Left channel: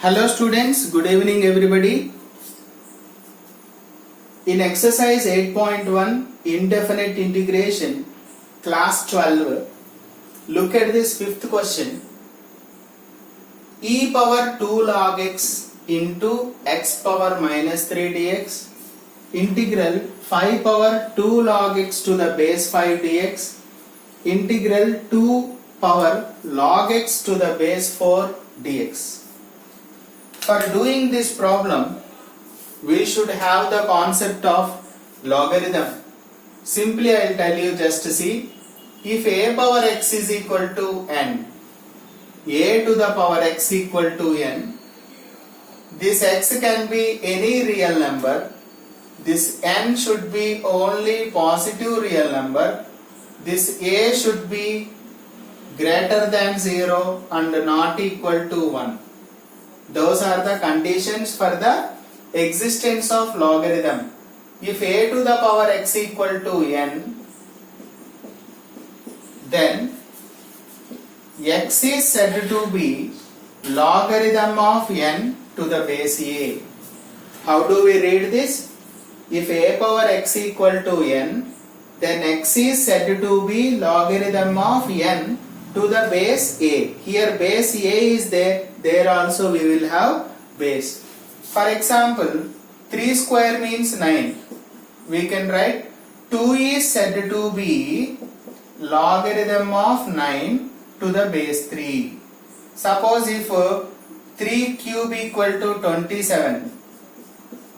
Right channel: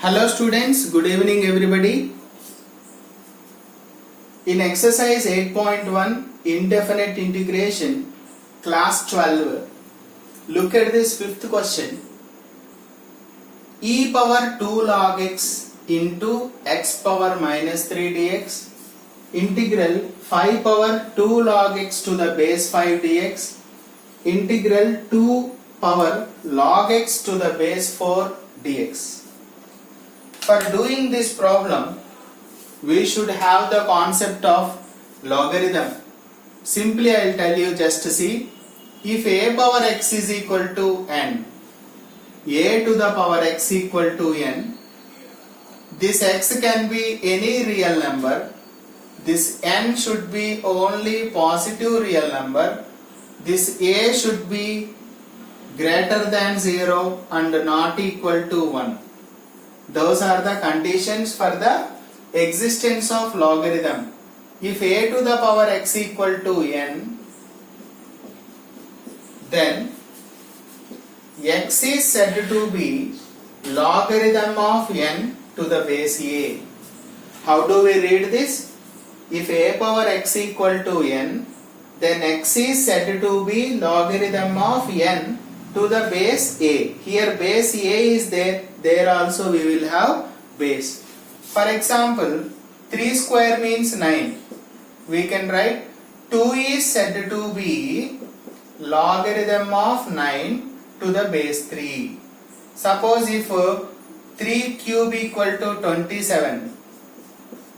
Hello students, good evening everybody. In exercise 8.1 indefinite integration class 12, look at this fifth question. E power 2 log x into x power minus 3 dx integral 5 power 2 log x to the base 5 dx integral 2 power log x to the base 4 dx. For doing this problem, we should have the concept of logarithm. Simply I will tell you, just see, if a power x is equal to n, a to the power x equal to n, this x can be any real number, this n should be only positive real number, this a should be greater than 0 and not equal to 1. Those are the conditions for the existence of logarithm. If a to the power x equal to n, then x is said to be logarithm of n to the base a. How do we read this? If a power x equal to n, then x is said to be logarithm of n to the base a. Here base a is there also we will have base. For example, 3 square means 9. We can write 2 is said to be logarithm of 9 to the base 3. Suppose if 3 cube equal to 27,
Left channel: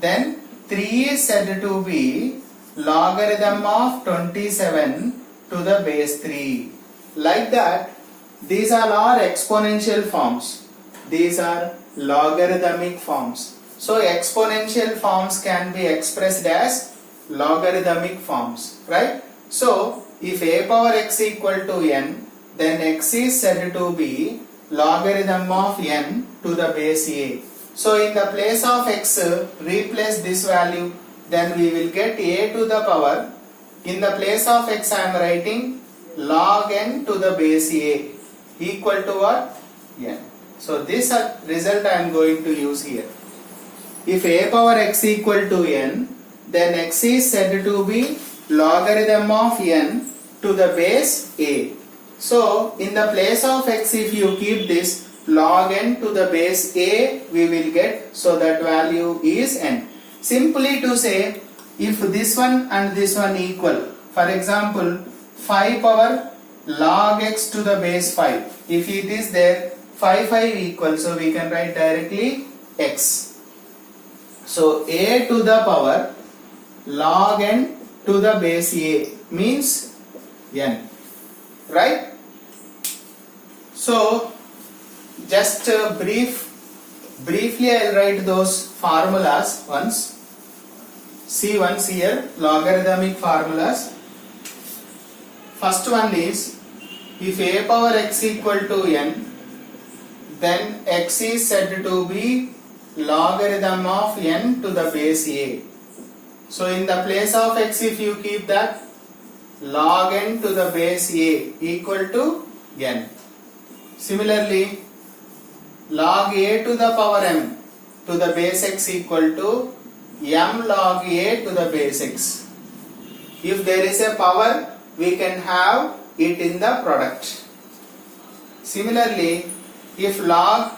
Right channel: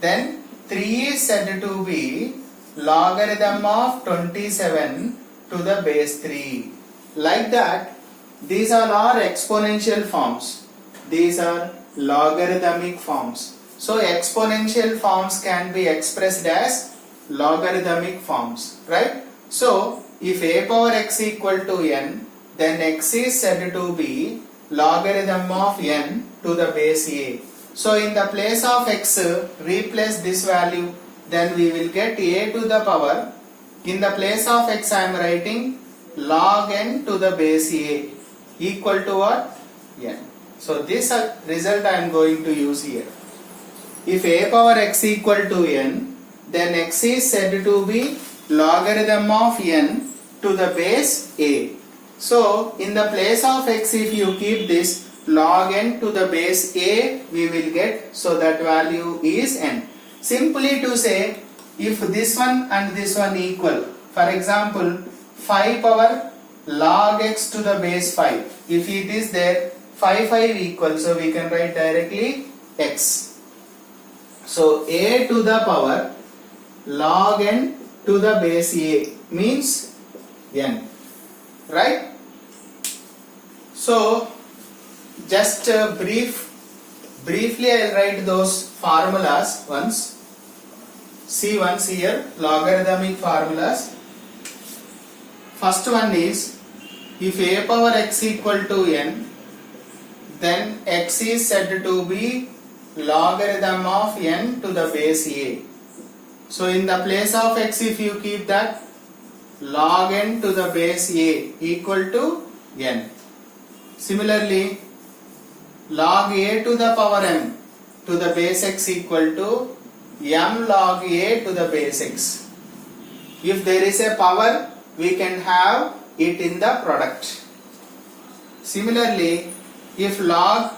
then 3 is said to be logarithm of 27 to the base 3. Like that, these are all exponential forms. These are logarithmic forms. So exponential forms can be expressed as logarithmic forms, right? So if a power x equal to n, then x is said to be logarithm of n to the base a. So in the place of x, replace this value, then we will get a to the power. In the place of x I am writing log n to the base a equal to what? N. So this result I am going to use here. If a power x equal to n, then x is said to be logarithm of n to the base a. So in the place of x, if you keep this log n to the base a, we will get, so that value is n. Simply to say, if this one and this one equal, for example 5 power log x to the base 5, if it is there, 5 equal, so we can write directly x. So a to the power log n to the base a means n, right? So just briefly I will write those formulas once. See once here, logarithmic formulas. First one is, if a power x equal to n, then x is said to be logarithm of n to the base a. So in the place of x, if you keep that, log n to the base a equal to n. Similarly, log a to the power m to the base x equal to m log a to the base x. If there is a power, we can have it in the product. Similarly, if log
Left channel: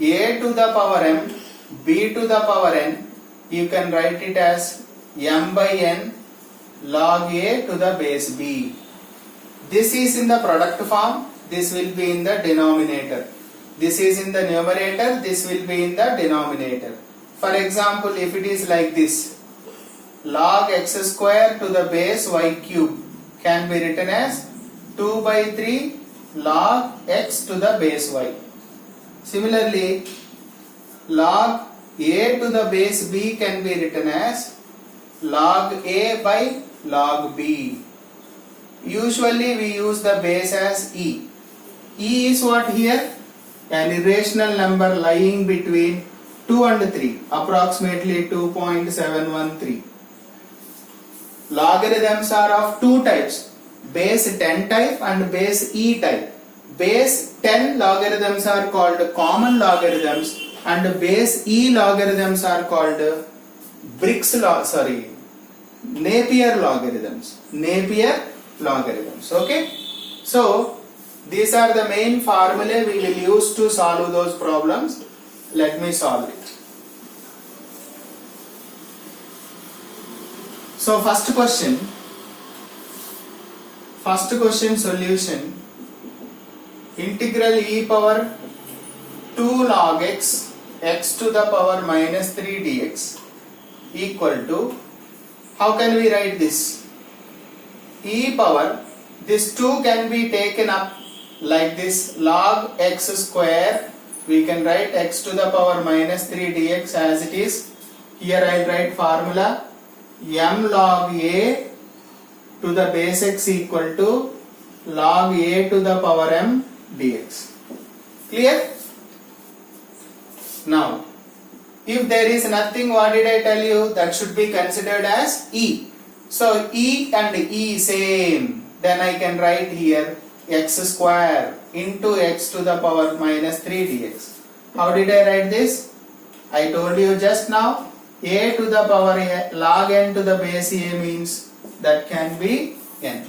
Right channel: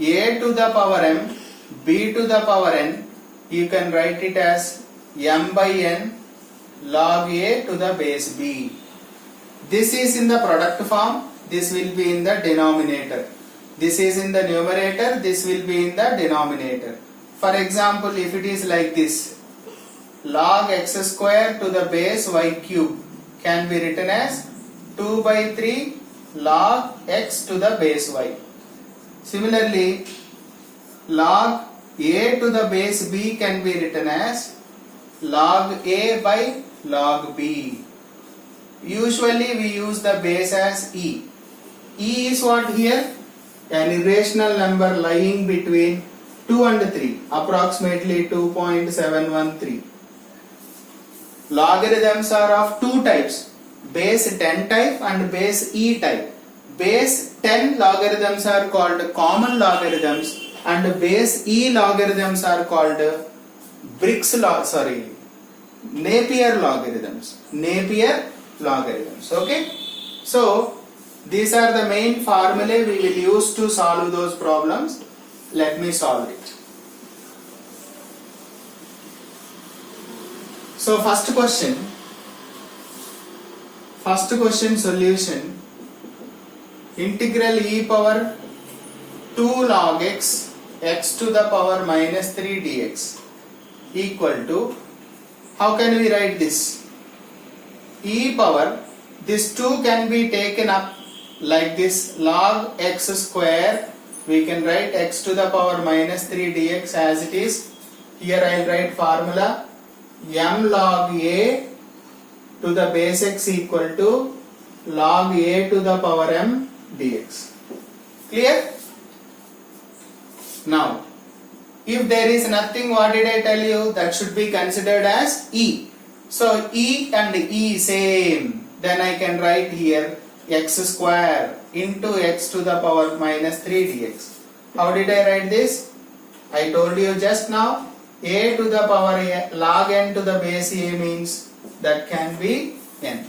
a to the power m, b to the power n, you can write it as m by n log a to the base b. This is in the product form, this will be in the denominator. This is in the numerator, this will be in the denominator. For example, if it is like this, log x square to the base y cube can be written as 2 by 3 log x to the base y. Similarly, log a to the base b can be written as log a by log b. Usually we use the base as e. E is what here? An irrational number lying between 2 and 3, approximately 2.713. Logarithms are of two types, base 10 type and base e type. Base 10 logarithms are called common logarithms and base E logarithms are called Napier logarithms. Napier logarithms. Okay. So these are the main formulae we will use to solve those problems. Let me solve it. So first question solution, integral e power 2 log x to the power minus 3 dx equal to, how can we write this? E power, this 2 can be taken up like this, log x square, we can write x to the power minus 3 dx as it is. Here I will write formula m log a to the base x equal to log a to the power m dx. Clear? Now, if there is nothing, what did I tell you? That should be considered as e. So e and e same. Then I can write here x square into x to the power minus 3 dx. How did I write this? I told you just now, a to the power a, log n to the base a means that can be n.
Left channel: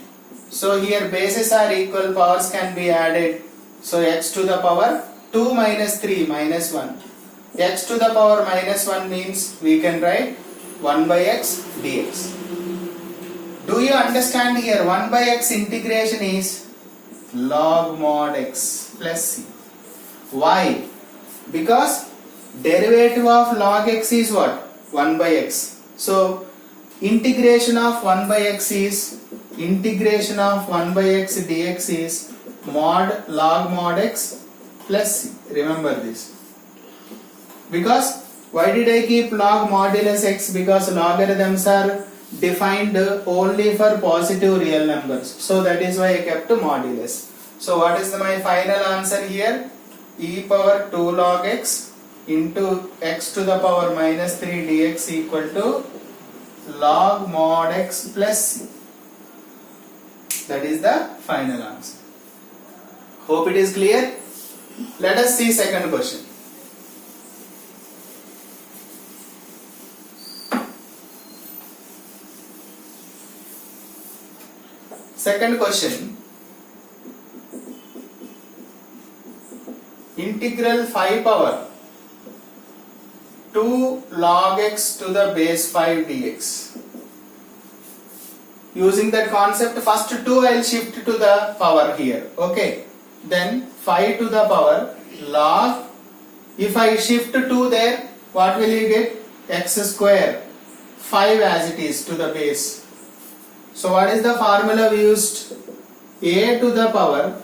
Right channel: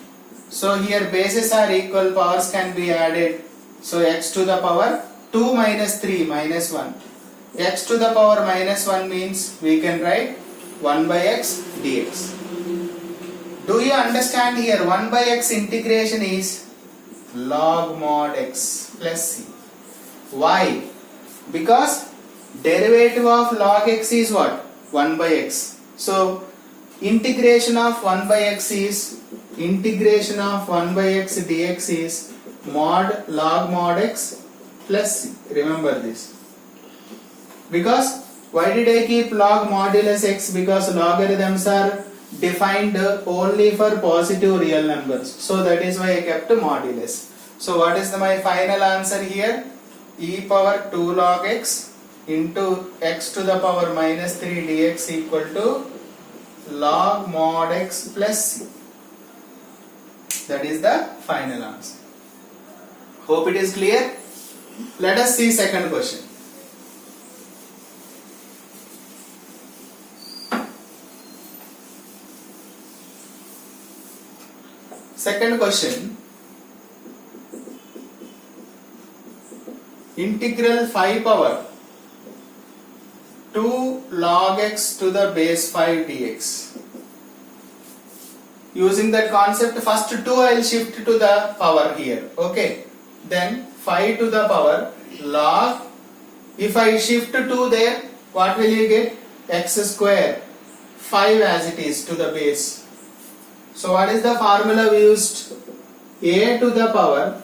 So here bases are equal, powers can be added. So x to the power 2 minus 3 minus 1. X to the power minus 1 means we can write 1 by x dx. Do you understand here 1 by x integration is log mod x plus c. Why? Because derivative of log x is what? 1 by x. So integration of 1 by x is dx is log mod x plus c. Remember this. Because why did I keep log modulus x? Because logarithms are defined only for positive real numbers. So that is why I kept modulus. So what is my final answer here? E power 2 log x into x to the power minus 3 dx equal to log mod x plus c. That is the final answer. Hope it is clear. Let us see second question. Second question, integral 5 power 2 log x to the base 5 dx. Using that concept, first 2 I will shift to the power here. Okay. Then 5 to the power log, if I shift 2 there, what will you get? X square 5 as it is to the base. So what is the formula we used? A to the power,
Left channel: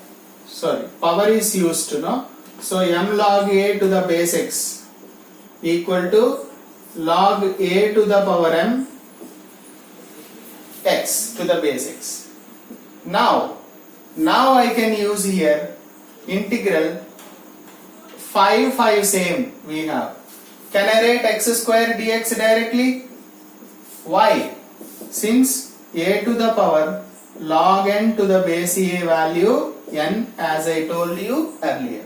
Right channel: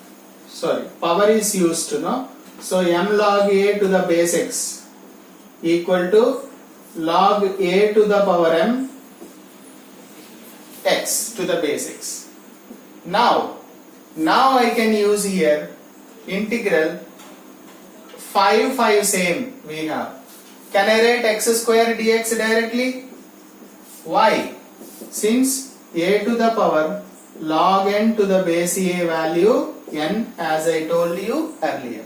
power is used, no? So m log a to the base x equal to log a to the power m x to the base x. Now I can use here integral 5 same we have. Can I write x square dx directly? Why? Since a to the power log n to the base a value n, as I told you earlier.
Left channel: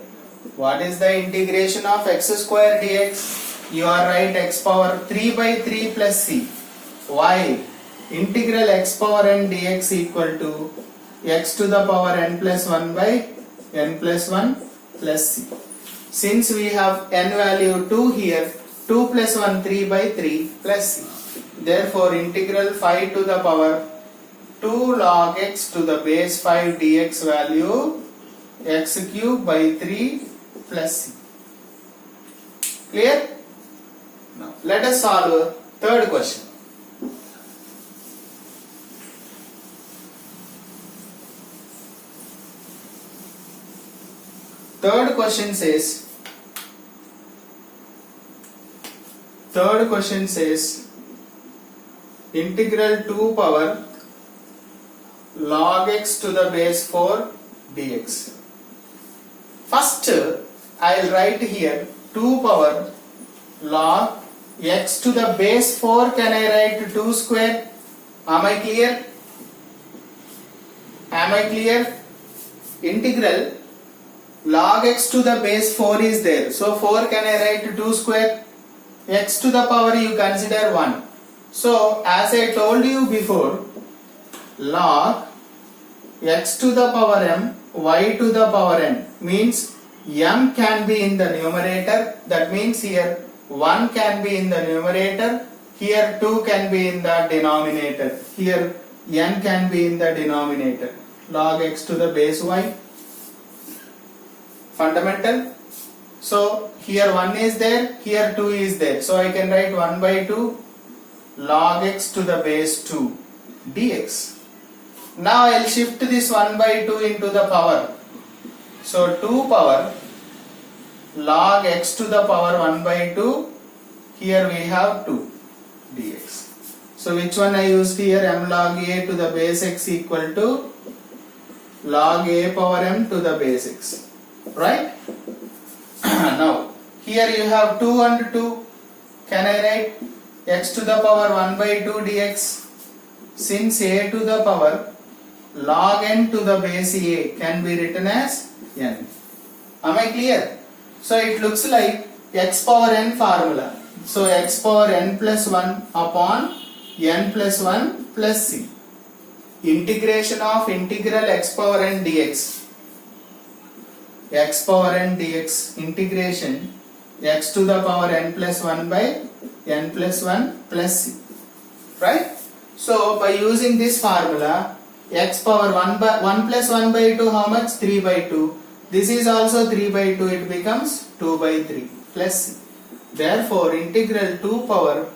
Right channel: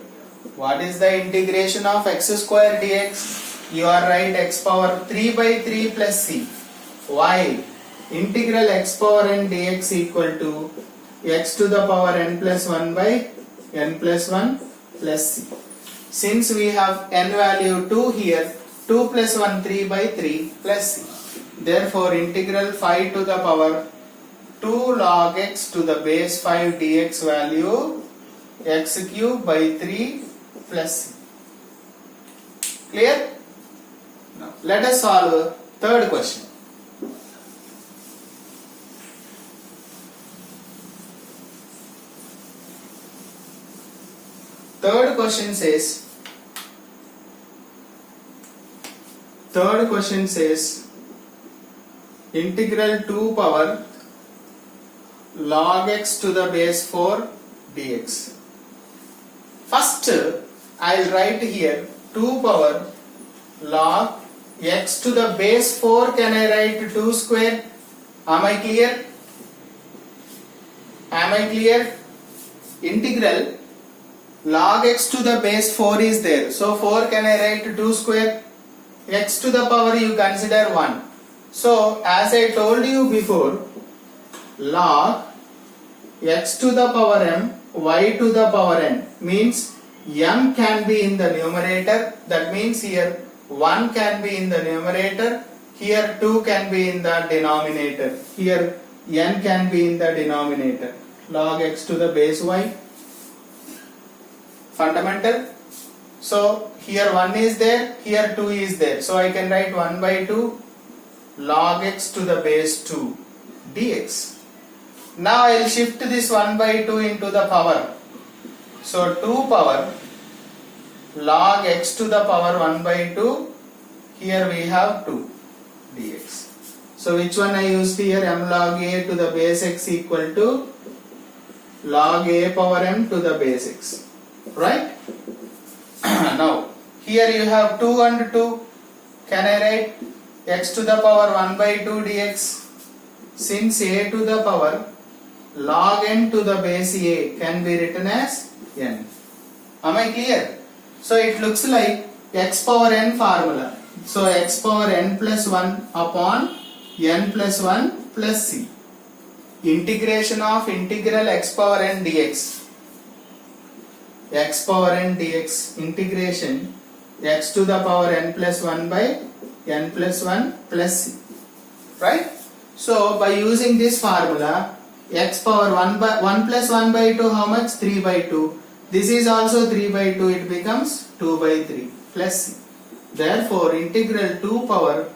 What is the integration of x square dx? You are right, x power 3 by 3 plus c. Why? Integral x power n dx equal to x to the power n plus 1 by n plus 1 plus c. Since we have n value 2 here, 2 plus 1 3 by 3 plus c. Therefore, integral 5 to the power 2 log x to the base 5 dx value x cube by 3 plus c. Clear? Now, let us solve third question. Third question says integral 2 power log x to the base 4 dx. First, I will write here 2 power log x to the base 4. Can I write 2 square? Am I clear? log x to the base 4 is there. So 4 can I write 2 square? X to the power you consider 1. So as I told you before, log x to the power m, y to the power n means m can be in the numerator. That means here 1 can be in the numerator. Here 2 can be in the denominator. Here n can be in the denominator. Log x to the base y. Fundamental. So here 1 is there, here 2 is there. So I can write 1 by 2 log x to the base 2 dx. Now I will shift this 1 by 2 into the power. So 2 power log x to the power 1 by 2. Here we have 2 dx. So which one I used here? M log a to the base x equal to log a power m to the base x. Right? Now here you have 2 and 2. Can I write x to the power 1 by 2 dx? Since a to the power log n to the base a can be written as n. Am I clear? So it looks like x power n formula. So x power n plus 1 upon n plus 1 plus c. Integration of integral x power n dx. X power n dx integration x to the power n plus 1 by n plus 1 plus c. Right? So by using this formula, x power 1 plus 1 by 2 how much? 3 by 2. This is also 3 by 2, it becomes 2 by 3 plus c. Therefore integral 2 power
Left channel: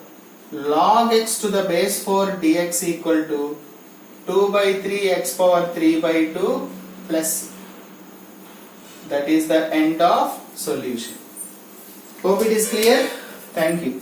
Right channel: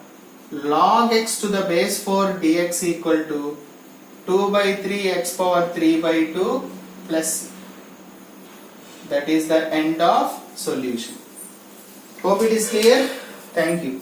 log x to the base 4 dx equal to 2 by 3 x power 3 by 2 plus c. That is the end of solution. Hope it is clear. Thank you.